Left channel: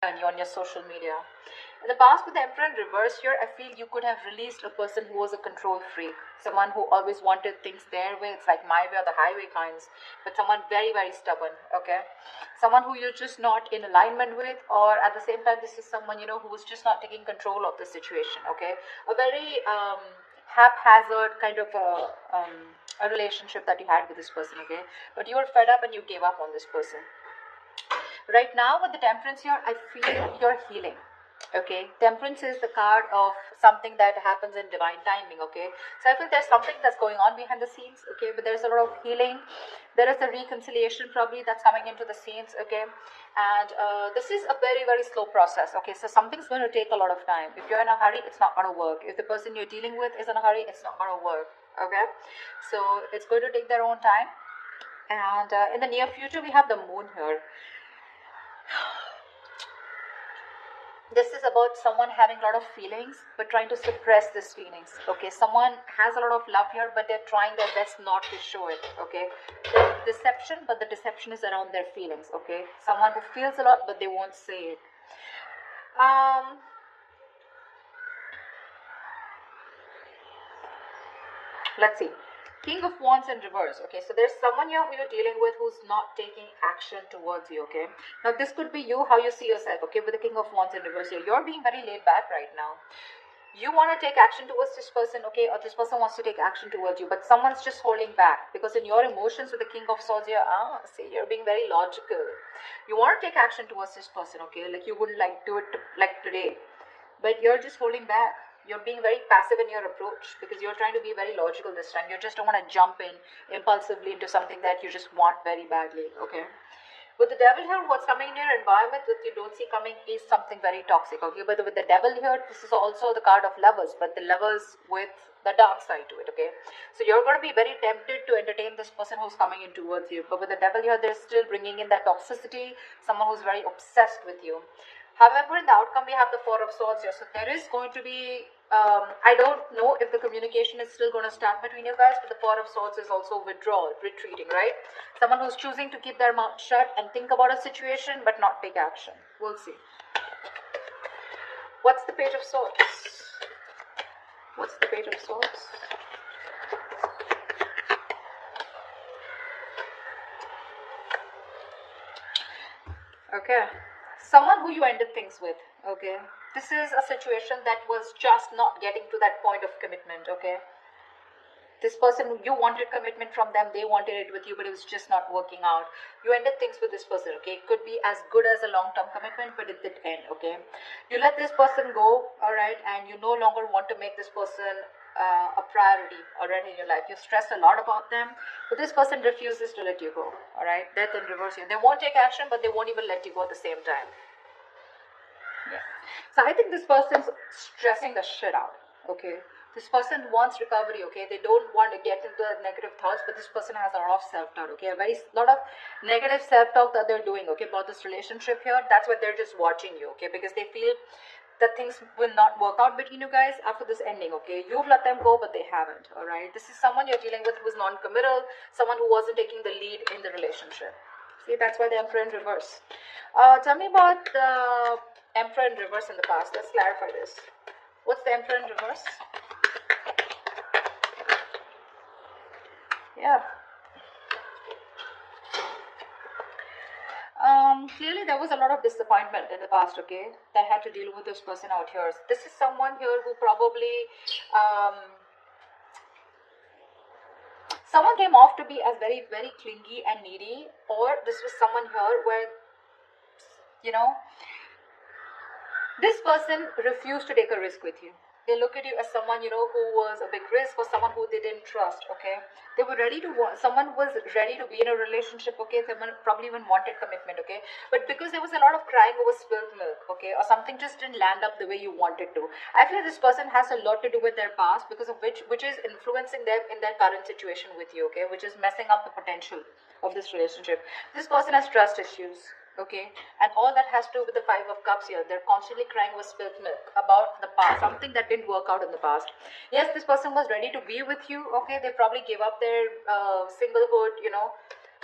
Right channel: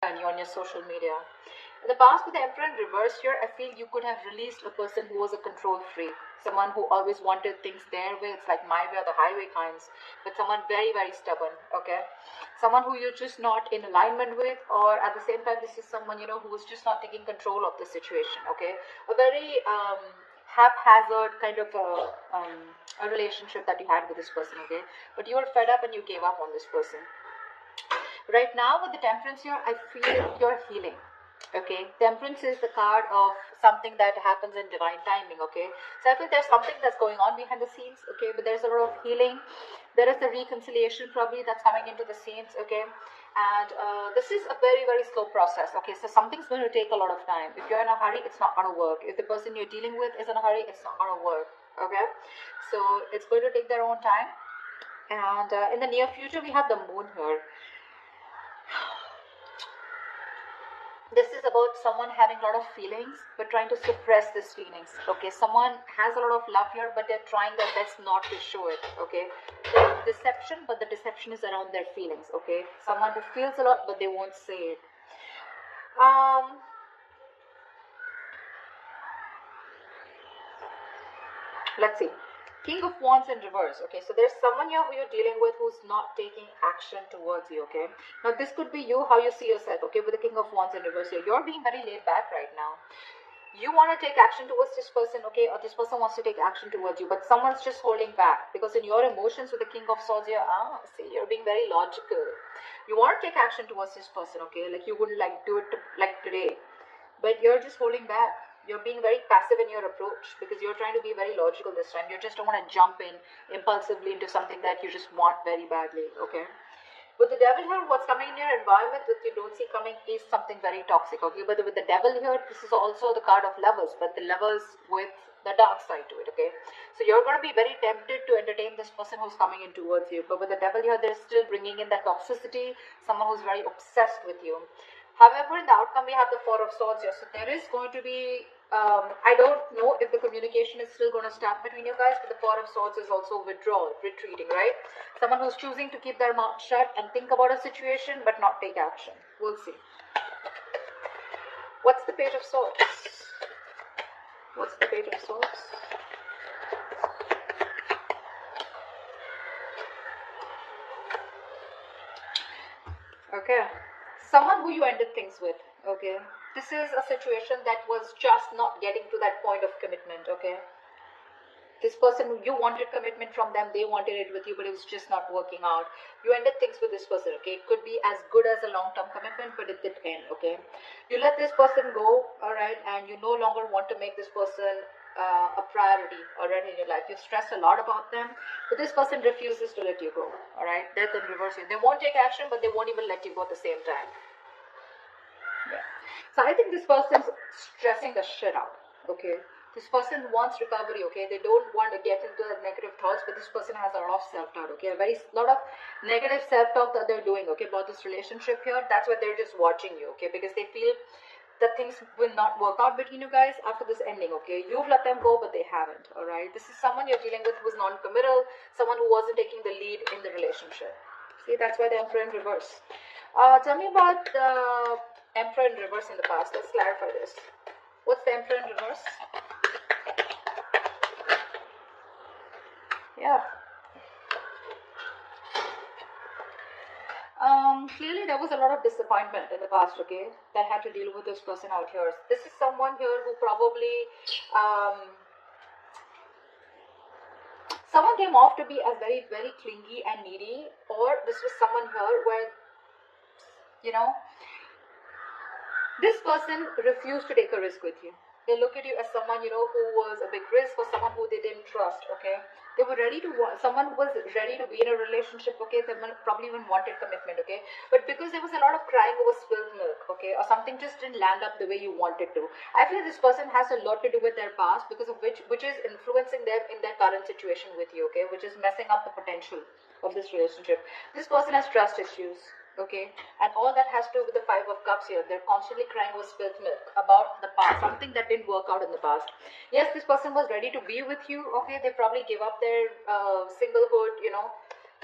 and you're on your social media. In the past, with the Emperor in reverse here, I feel you could have released a person who was a control freak, someone who always wanted things their way. It's like my way or the highway kinds, but someone very, very stubborn. Okay, someone who you're just not in alignment with, or at the same time, this is someone who was just not taking control of the situation. Okay, a very haphazard kind of a relationship that you had with this person. Okay, but you were fed up and you gave up on this person. Right now with the Temperance here, I feel you're healing. Okay, Temperance is the card of something that happens in divine timing. Okay, so I feel there's something that's going on behind the scenes. Okay, but there's a lot of healing. There is a reconciliation probably that's coming into the scenes. Okay, and this is a very, very slow process. Okay, so something's going to take a lot of time. If you're in a hurry, it's not going to work. If the person you're dealing with is in a hurry, it's not going to work. Okay, so it's going to take their own time. And in the near future, we have the Moon here. This is about someone having a lot of feelings but trying to suppress these feelings. Okay, someone has a lot of love here but they're trying their best not to show it. Okay, there's deception, but the deception is around their feelings. Okay, someone who feels a lot but they won't say it. Let's see. King of Wands in reverse. Okay, so there's someone here who you're dealing with who's not taking action towards you. Okay, now this could be you, how you see yourself. Okay, with the King of Wands in reverse here, you're being very laid back right now. You want to take action towards this person, okay, or this person wants to take action towards you, but someone's just holding back because in your emotions with the King of Swords here, see, you're being very logical. You want to take action towards this person, okay, like you wouldn't like do it like today, but you're just holding back. You're being very passive in your approach because you're trying to be very logical this time. You just don't want to jump in impulsively into something that you just want very badly, okay? With the Devil here, what's coming in your environment that you don't see coming is something very toxic, okay? But with the Devil here, this is also the card of lovers, but the lovers with the dark side to it, okay? So you're going to be very tempted to entertain this person who's coming in towards you. But with the Devil here, they're still bringing in that toxicity, someone who's very obsessed with you. However, in the outcome, we have the Four of Swords here. So there is going to be, I don't know if the communication is still going to start between you guys, but the Four of Swords is also withdrawal, retreating, right? Someone who's choosing to keep their mouth shut and think about a situation, but not take action. We'll see. What's the Page of Swords? What's the Page of Swords? Okay. Someone who you ended things with, okay? This is a situation that was just not getting to that point of commitment, okay? This person, you wanted commitment from them, they wanted it with you, but it was just not working out. You ended things with this person, okay? It could be as good as a long-term commitment, but it did end, okay? You let this person go, all right, and you no longer want to make this person a priority already in your life. You stress a lot about them, but this person refuses to let you go, all right? Death in reverse here. They won't take action, but they won't even let you go at the same time. Yeah. So I think this person is stressing the shit out, okay? This person wants recovery, okay? They don't want to get into negative thoughts, but this person has a lot of self-doubt, okay? A lot of negative self-talk that they're doing, okay, about this relationship here. That's why they're just watching you, okay? Because they feel that things will not work out between you guys after this ending, okay? You've let them go, but they haven't, all right? This is someone you're dealing with who's non-committal, someone who wasn't taking the lead in the relationship. See, that's why the Emperor in reverse. Tell me about the Emperor in reverse in the past. Let's clarify this. What's the Emperor in reverse? Yeah. Clearly there was a lot of disappointment in the past, okay, that had to deal with this person out here. This is someone here who probably someone came off to be as very, very clingy and needy, or this was someone here where, you know, this person refused to take a risk with you. They look at you as someone, you know, who was a big risk, or someone who they didn't trust, okay? They were ready to, someone was ready to be in a relationship, okay? Someone probably even wanted commitment, okay? But because there was a lot of crying over spilled milk, okay? Or something just didn't land up the way you wanted to. I feel this person has a lot to do with their past, because of which is influencing them in their current situation with you, okay? Which is messing up the potential of this relationship. This person has trust issues. Okay, and all that has to do with the Five of Cups here. They're constantly crying with spilled milk about the past, something that didn't work out in the past. Yes, this person was ready to be with you. Okay, they probably gave up their singlehood, you know,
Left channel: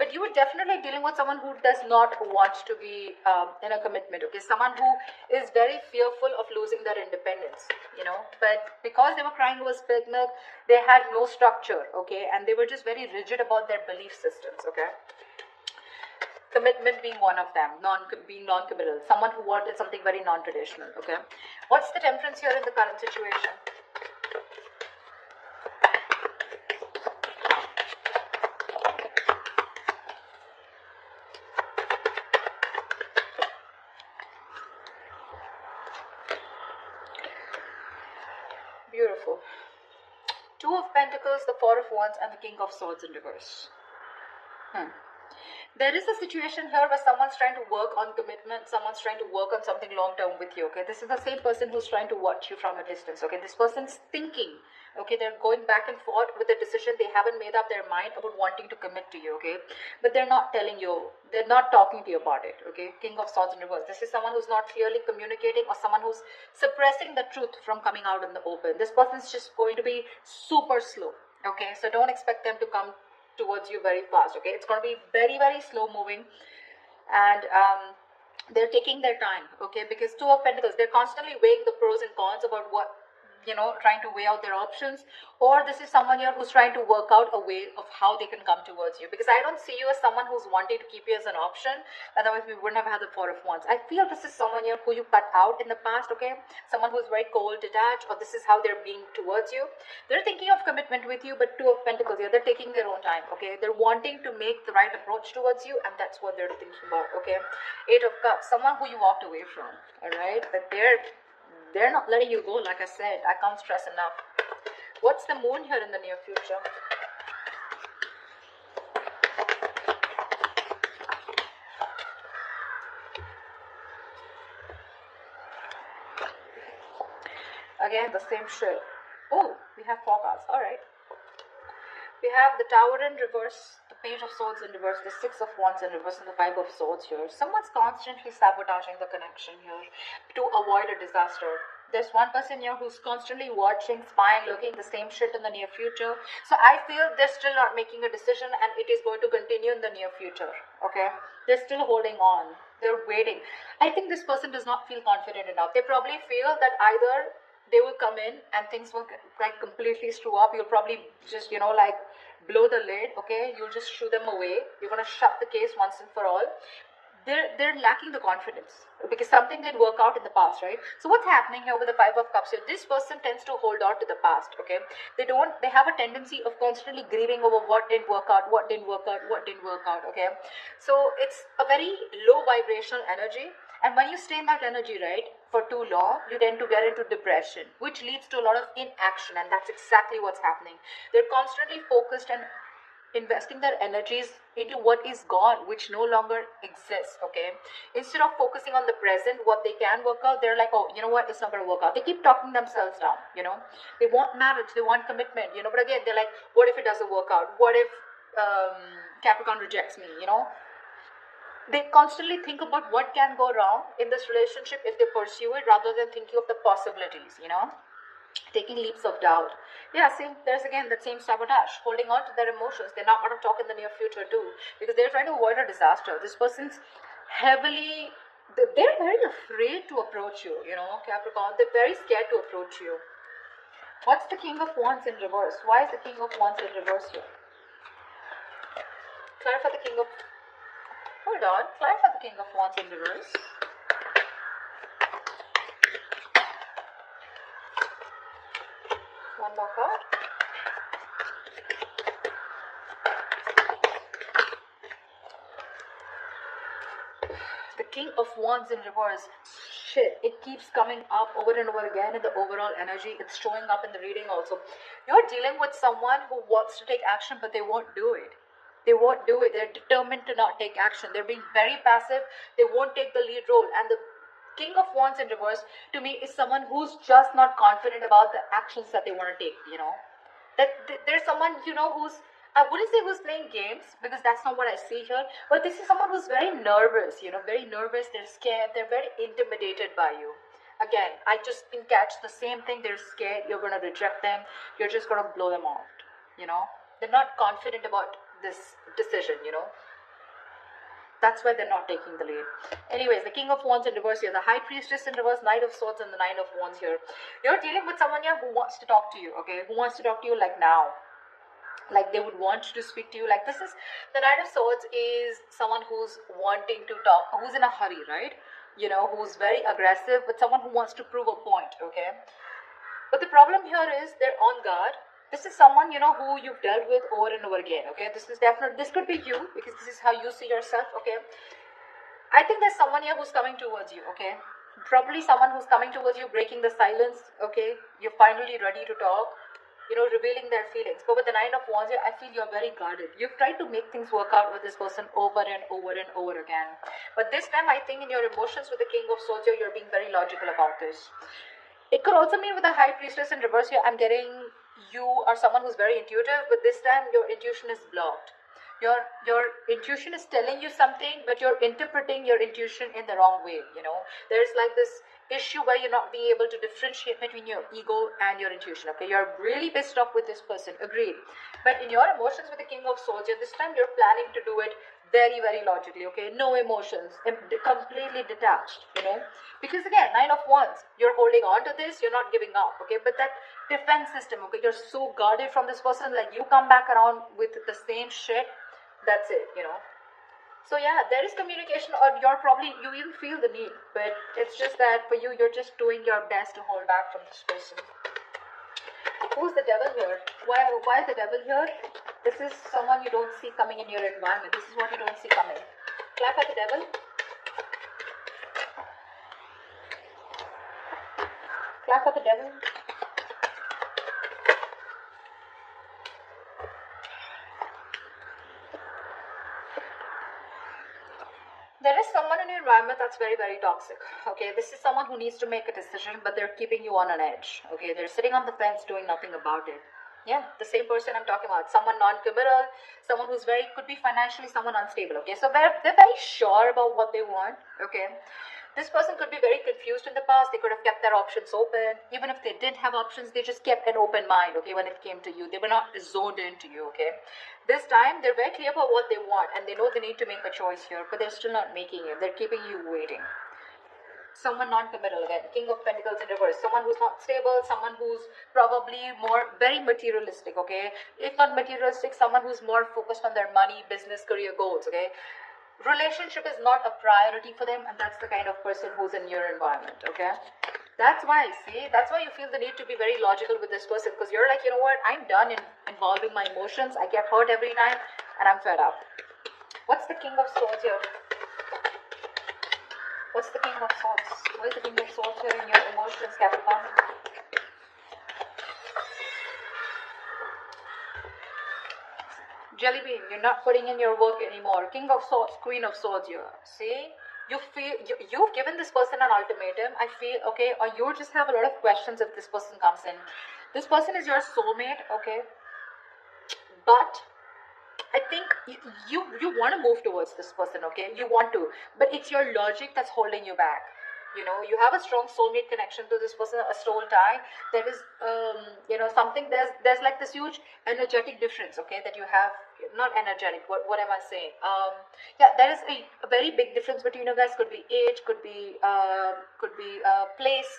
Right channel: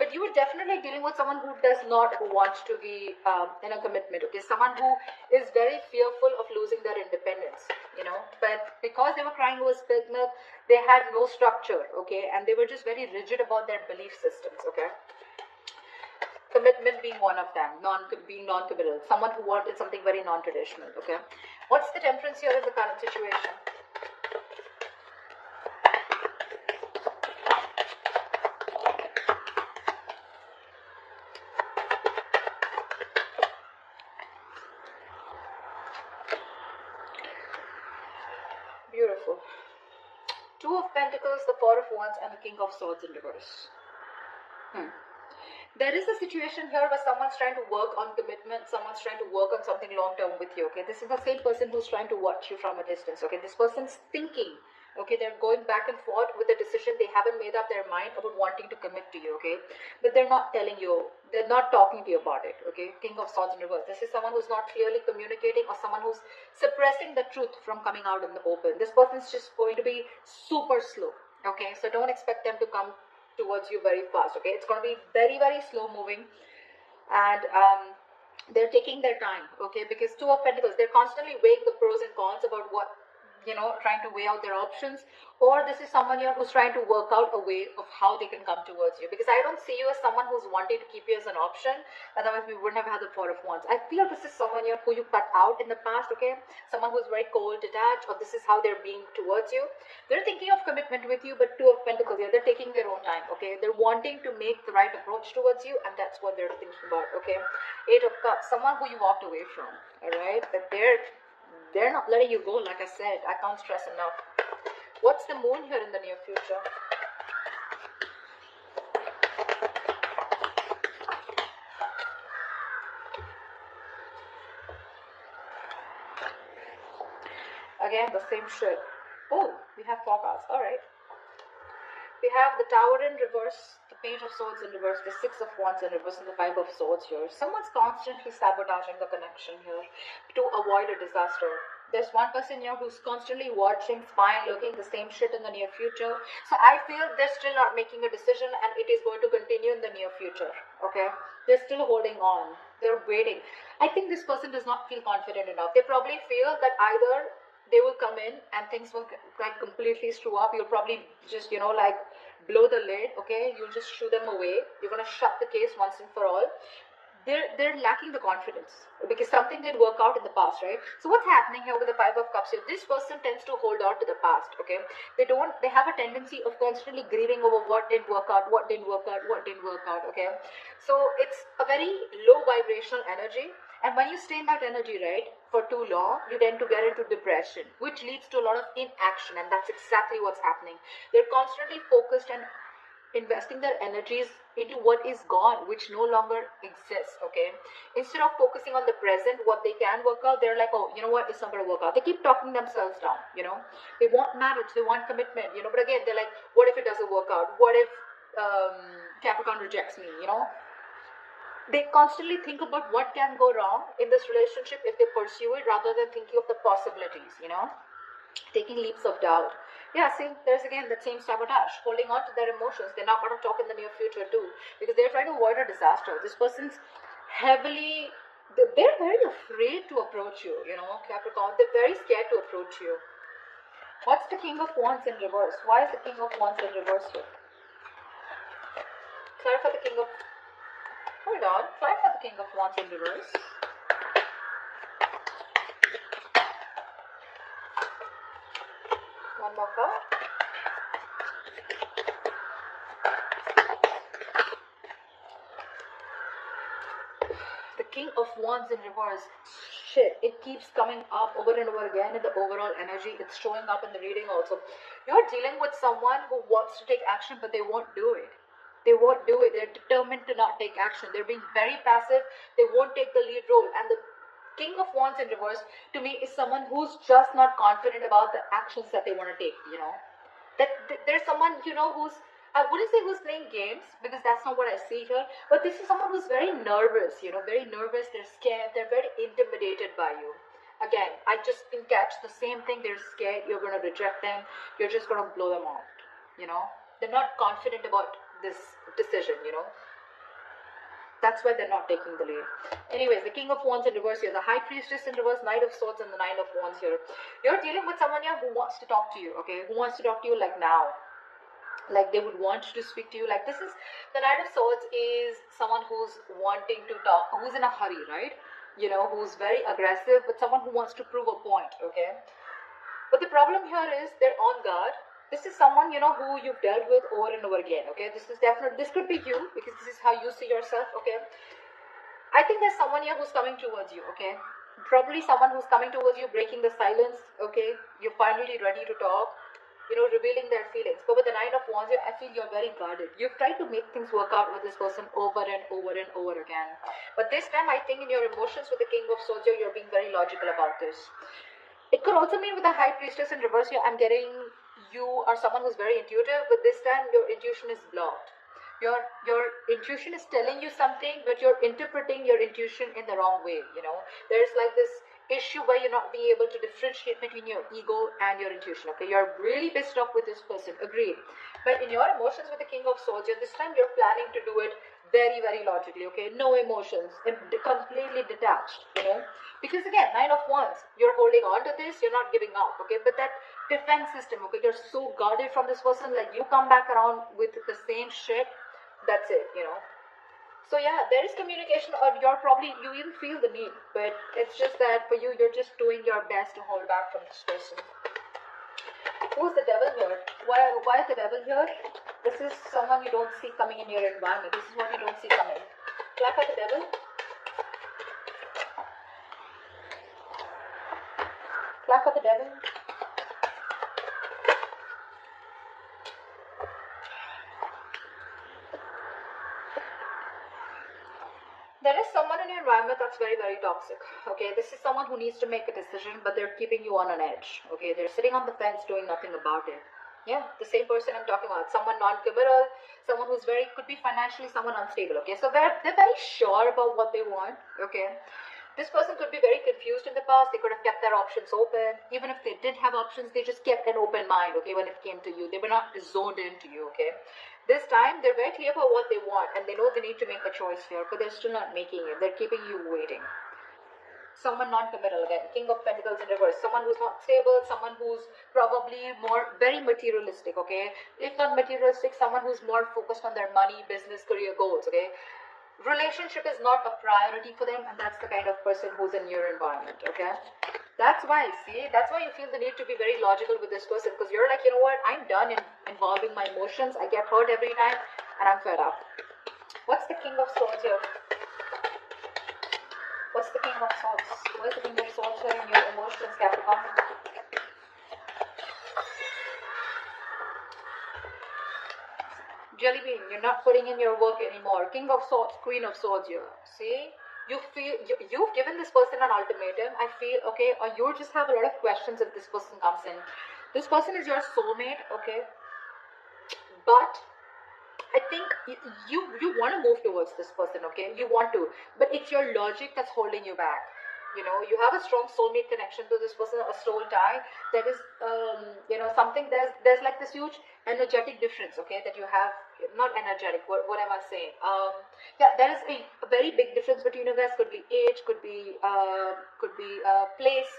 But you are definitely dealing with someone who does not want to be in a commitment, okay? Someone who is very fearful of losing their independence, you know? But because they were crying over spilled milk, they had no structure, okay? And they were just very rigid about their belief systems, okay? Commitment being one of them, being non-committal, someone who wanted something very non-traditional, okay? What's the temperance here in the current situation? Beautiful. Two of Pentacles, the Four of Wands, and the King of Swords in reverse. There is a situation here where someone's trying to work on commitment, someone's trying to work on something long-term with you, okay? This is the same person who's trying to watch you from a distance, okay? This person's thinking, okay? They're going back and forth with a decision. They haven't made up their mind about wanting to commit to you, okay? But they're not telling you, they're not talking to you about it, okay? King of Swords in reverse. This is someone who's not clearly communicating, or someone who's suppressing the truth from coming out in the open. This person's just going to be super slow, okay? So don't expect them to come towards you very fast, okay? It's going to be very, very slow moving, and they're taking their time, okay? Because Two of Pentacles, they're constantly weighing the pros and cons about what, you know, trying to weigh out their options. Or this is someone here who's trying to work out a way of how they can come towards you, because I don't see you as someone who's wanting to keep you as an option. Otherwise we wouldn't have had the Four of Wands. I feel this is someone here who you cut out in the past, okay? Someone who's very cold, detached, or this is how they're being towards you. They're thinking of commitment with you, but Two of Pentacles here, they're taking their own time, okay? They're wanting to make the right approach towards you, and that's what they're thinking about, okay? Eight of Cups, someone who you walked away from, all right? But they're not letting you go, like I said. I can't stress enough. What's the moon here in the near future? Again, the same shit. Oh, we have four cards. Alright. We have the Tower in reverse, the Page of Swords in reverse, the Six of Wands in reverse, and the Five of Swords here. Someone's constantly sabotaging the connection here to avoid a disaster. There's one person here who's constantly watching, spying, looking the same shit in the near future. So I feel they're still not making a decision, and it is going to continue in the near future, okay? They're still holding on. They're waiting. I think this person does not feel confident enough. They probably feel that either they will come in and things will like completely screw up. You'll probably just, you know, like blow the lid, okay? You'll just shoo them away. You're gonna shut the case once and for all. They're lacking the confidence because something did work out in the past, right? So what's happening here with the Five of Cups here? This person tends to hold on to the past, okay? They have a tendency of constantly grieving over what didn't work out, what didn't work out, what didn't work out, okay? So it's a very low vibrational energy. And when you stay in that energy, right, for too long, you tend to get into depression, which leads to a lot of inaction, and that's exactly what's happening. They're constantly focused and investing their energies into what is gone, which no longer exists, okay? Instead of focusing on the present, what they can work out, they're like, oh, you know what, it's not going to work out. They keep talking themselves down, you know? They want marriage, they want commitment, you know? But again, they're like, what if it doesn't work out? What if Capricorn rejects me, you know? They constantly think about what can go wrong in this relationship if they pursue it, rather than thinking of the possibilities, you know, taking leaps of doubt. Yeah, same. There's again that same sabotage, holding on to their emotions. They're not going to talk in the near future too, because they're trying to avoid a disaster. This person's they're very afraid to approach you, you know, Capricorn. They're very scared to approach you. What's the King of Wands in reverse? Why is the King of Wands in reverse here? Clarify the King of... Hold on. Clarify the King of Wands in reverse. One more card. The King of Wands in reverse. Shit, it keeps coming up over and over again in the overall energy. It's showing up in the reading also. You're dealing with someone who wants to take action, but they won't do it. They won't do it. They're determined to not take action. They're being very passive. They won't take the lead role. And the King of Wands in reverse, to me, is someone who's just not confident about the actions that they want to take, you know. There's someone, you know, who's, I wouldn't say who's playing games, because that's not what I see here, but this is someone who's very nervous, you know, very nervous, they're scared, they're very intimidated by you. Again, I just can catch the same thing. They're scared, you're going to reject them, you're just going to blow them out, you know. They're not confident about this decision, you know. That's why they're not taking the lead. Anyways, the King of Wands in reverse here, the High Priestess in reverse, Knight of Swords, and the Nine of Wands here. You're dealing with someone here who wants to talk to you, okay? Who wants to talk to you like now. Like they would want to speak to you. Like this is, the Knight of Swords is someone who's wanting to talk, who's in a hurry, right? You know, who's very aggressive, but someone who wants to prove a point, okay? But the problem here is they're on guard. This is someone, you know, who you've dealt with over and over again, okay? This is definitely, this could be you, because this is how you see yourself, okay? I think there's someone here who's coming towards you, okay? Probably someone who's coming towards you, breaking the silence, okay? You're finally ready to talk, you know, revealing their feelings. But with the Nine of Wands here, I feel you're very guarded. You've tried to make things work out with this person over and over and over again. But this time, I think in your emotions with the King of Swords here, you're being very logical about this. It could also mean with the High Priestess in reverse here, I'm getting you are someone who's very intuitive, but this time your intuition is blocked. Your intuition is telling you something, but you're interpreting your intuition in the wrong way, you know. There's like this issue where you're not being able to differentiate between your ego and your intuition, okay. You're really pissed off with this person, agree, but in your emotions with the King of Swords, and this time you're planning to do it very, very logically, okay. No emotions, and completely detached, you know, because again, Nine of Wands, you're holding on to this, you're not giving up, okay. But that defense system, okay, you're so guarded from this person, like you come back around with the same shit, that's it, you know. So yeah, there is communication, or you're probably, you will feel the need, but it's just that for you, you're just doing your best to hold back from this person. Who's the Devil here? Why the Devil here? This is someone you don't see coming in your environment. This is what you don't see coming. Clap at the Devil. Clap at the Devil. There is someone in your environment that's very, very toxic, okay. This is someone who needs to make a decision, but they're keeping you on an edge, okay. They're sitting on the fence doing nothing about it. Yeah, the same person I'm talking about. Someone non-committal, someone who's very, could be financially someone unstable, okay. So they're very sure about what they want, okay. This person could be very confused in the past. They could have kept their options open. Even if they did have options, they just kept an open mind, okay, when it came to you. They were not zoned into you, okay. This time, they're very clear about what they want, and they know they need to make a choice here, but they're still not making it. They're keeping you waiting. Someone non-committal again, King of Pentacles in reverse, someone who's not stable, someone who's probably more very materialistic, okay. If not materialistic, someone who's more focused on their money, business, career goals, okay. Relationship is not a priority for them, and that's the kind of person who's in your environment, okay. That's why, see, that's why you feel the need to be very logical with this person, because you're like, you know what, I'm done in involving my emotions. I get hurt every time, and I'm fed up. What's the King of Swords here? What's the King of Swords? What is the King of Swords here in your emotions, Capricorn? Jelly bean, you're not putting in your work anymore. King of Swords, Queen of Swords here. See? You feel, you've given this person an ultimatum, I feel, okay, or you just have a lot of questions if this person comes in. This person is your soulmate, okay, but I think you want to move towards this person, okay, you want to, but it's your logic that's holding you back. You know, you have a strong soulmate connection to this person, a soul tie. There is, you know, something, there's like this huge energetic difference, okay, that you have, not energetic, what am I saying? Yeah, there is a very big difference between you guys. Could be age, could be place,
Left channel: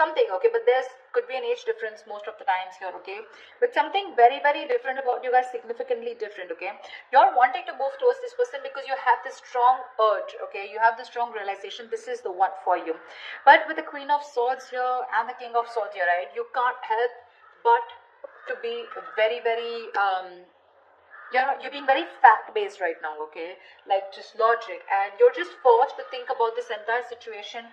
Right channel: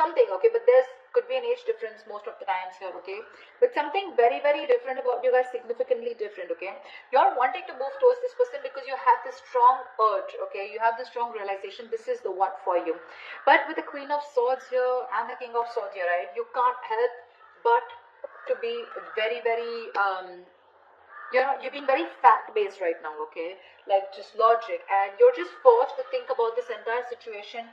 something, okay, but there's could be an age difference most of the times here, okay, but something very, very different about you guys, significantly different, okay. You're wanting to move towards this person because you have this strong urge, okay, you have this strong realization this is the one for you. But with the Queen of Swords here and the King of Swords here, right, you can't help but to be very, very you're being very fact-based right now, okay, like just logic, and you're just forced to think about this entire situation,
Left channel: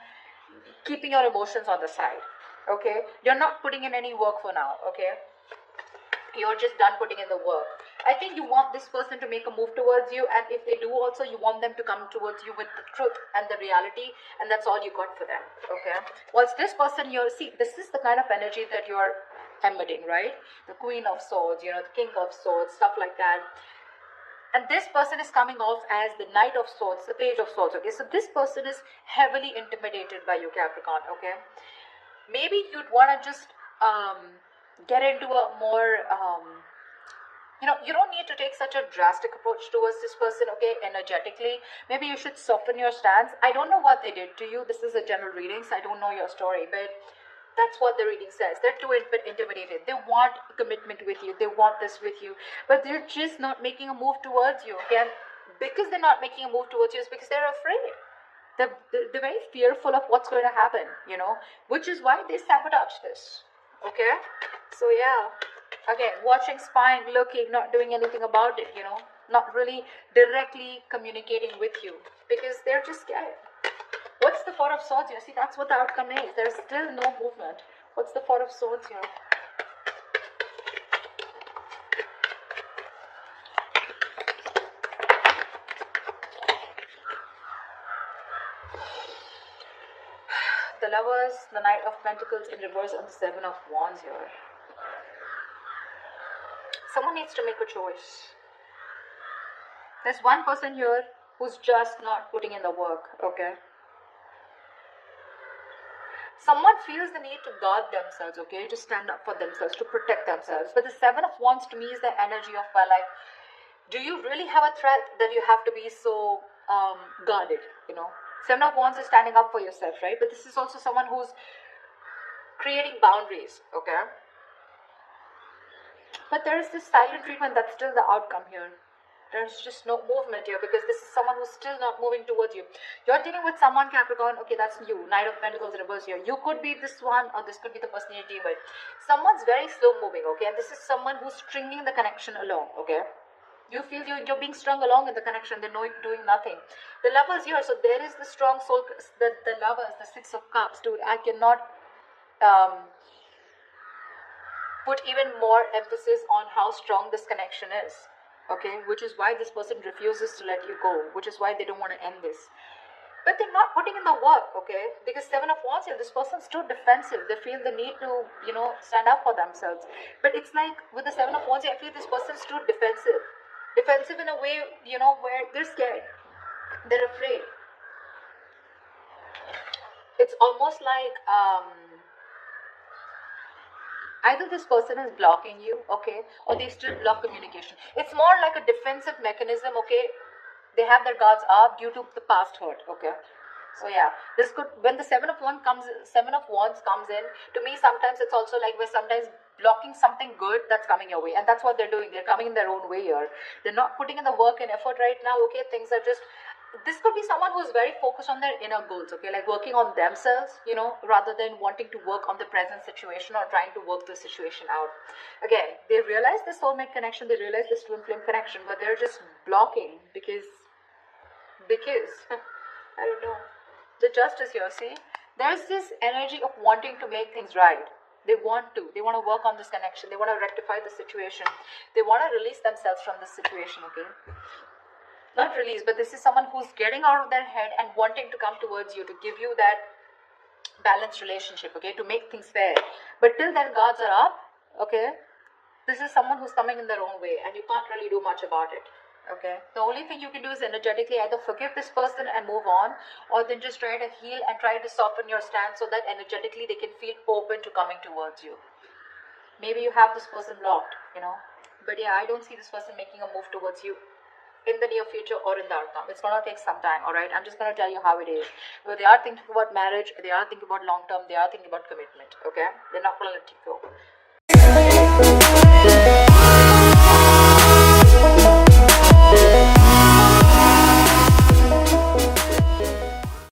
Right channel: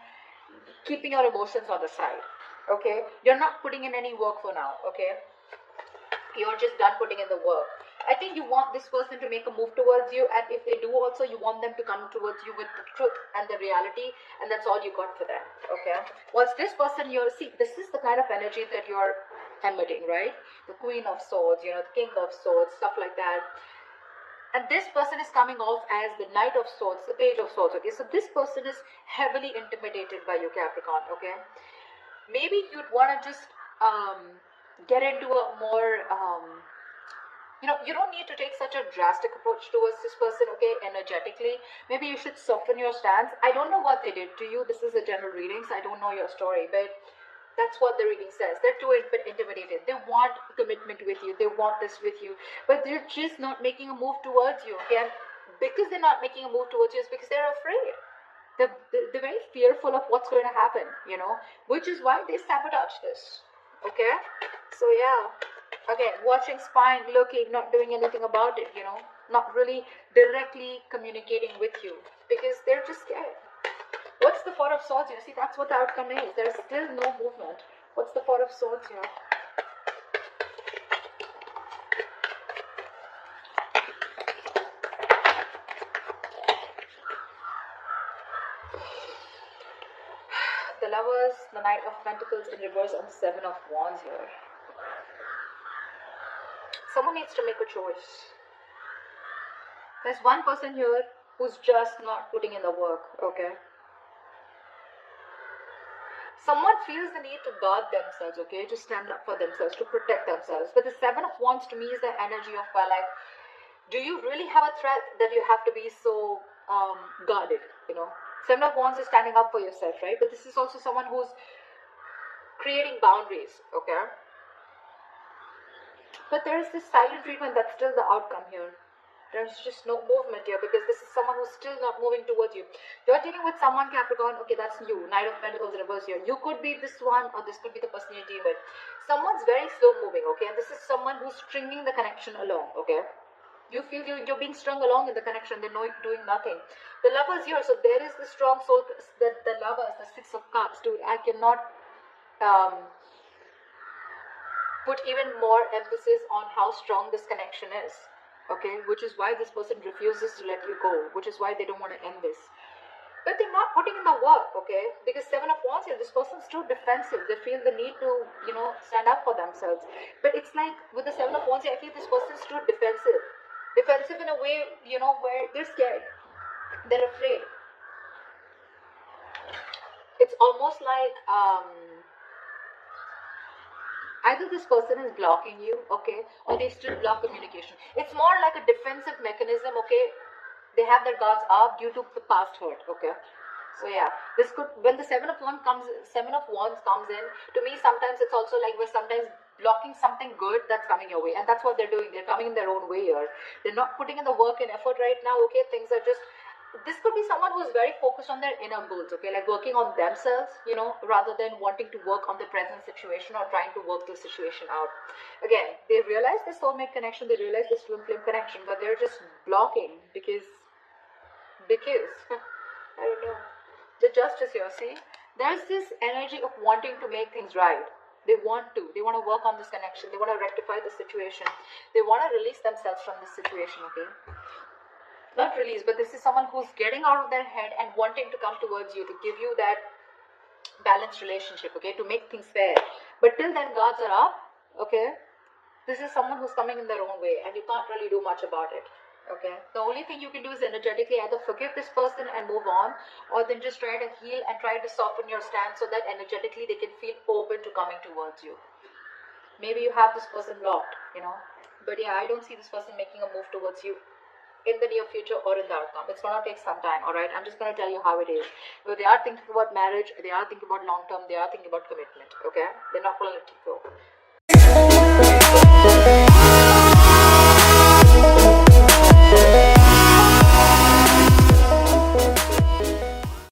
keeping your emotions on the side, okay. You're not putting in any work for now, okay. You're just done putting in the work. I think you want this person to make a move towards you, and if they do also, you want them to come towards you with the truth and the reality, and that's all you got for them, okay. Whilst this person, you're, see, this is the kind of energy that you're emitting, right? The Queen of Swords, you know, the King of Swords, stuff like that. And this person is coming off as the Knight of Swords, the Page of Swords, okay. So this person is heavily intimidated by you, Capricorn, okay. Maybe you'd want to just get into a more You don't need to take such a drastic approach towards this person, okay, energetically. Maybe you should soften your stance. I don't know what they did to you. This is a general reading, so I don't know your story, but that's what the reading says. They're too intimidated. They want commitment with you. They want this with you, but they're just not making a move towards you, okay? Because they're not making a move towards you is because they're afraid. They're very fearful of what's going to happen, which is why they sabotage this, okay? So yeah, again, watching, spying, looking, not doing anything about it, not really directly communicating with you because they're just scared. What's the Four of Swords here? See, that's what the outcome is. There's still no movement. What's the Four of Swords here? The Lovers, the Knight of Pentacles in reverse, and the Seven of Wands here. Someone needs to make a choice. There's one person here who's just not putting in the work, okay? Someone feels the need to guard themselves, okay, to stand up for themselves, to protect themselves. But the Seven of Wands to me is the energy of, well, like, do you really have a threat that you have to be so guarded, Seven of Wands is standing up for yourself, right? But this is also someone who's creating boundaries, okay? But there is this silent treatment that's still the outcome here. There's just no movement here because this is someone who's still not moving towards you. You're dealing with someone, Capricorn, okay, that's you. Knight of Pentacles in reverse here. You could be this one or this could be the person you're dealing with. Someone's very slow moving, okay, and this is someone who's stringing the connection along, okay. You feel you're being strung along in the connection. They're doing nothing. The Lovers here, so there is the strong soul, the Lovers, the Six of Cups, dude. I cannot put even more emphasis on how strong this connection is. Okay, which is why this person refuses to let you go, which is why they don't want to end this. But they're not putting in the work, okay? Because Seven of Wands here, this person's too defensive. They feel the need to, stand up for themselves. But it's like with the Seven of Wands here, I feel this person's too defensive. Defensive in a way, where they're scared. They're afraid. It's almost like, either this person is blocking you, okay, or they still block communication. It's more like a defensive mechanism, okay. They have their guards up due to the past hurt, okay. So yeah, this could, when the Seven of Wands comes in, to me sometimes it's also like we're sometimes blocking something good that's coming your way, and that's what they're doing. They're coming in their own way here. They're not putting in the work and effort right now, okay. Things are just, this could be someone who's very focused on their inner goals, okay, like working on themselves, rather than wanting to work on the present situation or trying to work the situation out. Again, they realize the soulmate connection, they realize this twin flame connection, but they're just blocking because I don't know. The Justice here, see, there's this energy of wanting to make things right. They want to work on this connection. They want to rectify the situation. They want to release themselves from this situation, okay. Not release, but this is someone who's getting out of their head and wanting to come towards you to give you that balanced relationship, okay, to make things fair. But till their guards are up, okay, this is someone who's coming in their own way and you can't really do much about it, okay. The only thing you can do is energetically either forgive this person and move on, or then just try to heal and try to soften your stance so that energetically they can feel open to coming towards you. Maybe you have this person blocked, but yeah, I don't see this person making a move towards you in the near future or in the outcome. It's going to take some time, alright? I'm just going to tell you how it is. If they are thinking about marriage, they are thinking about long term, they are thinking about commitment, okay? They're not going to let you go.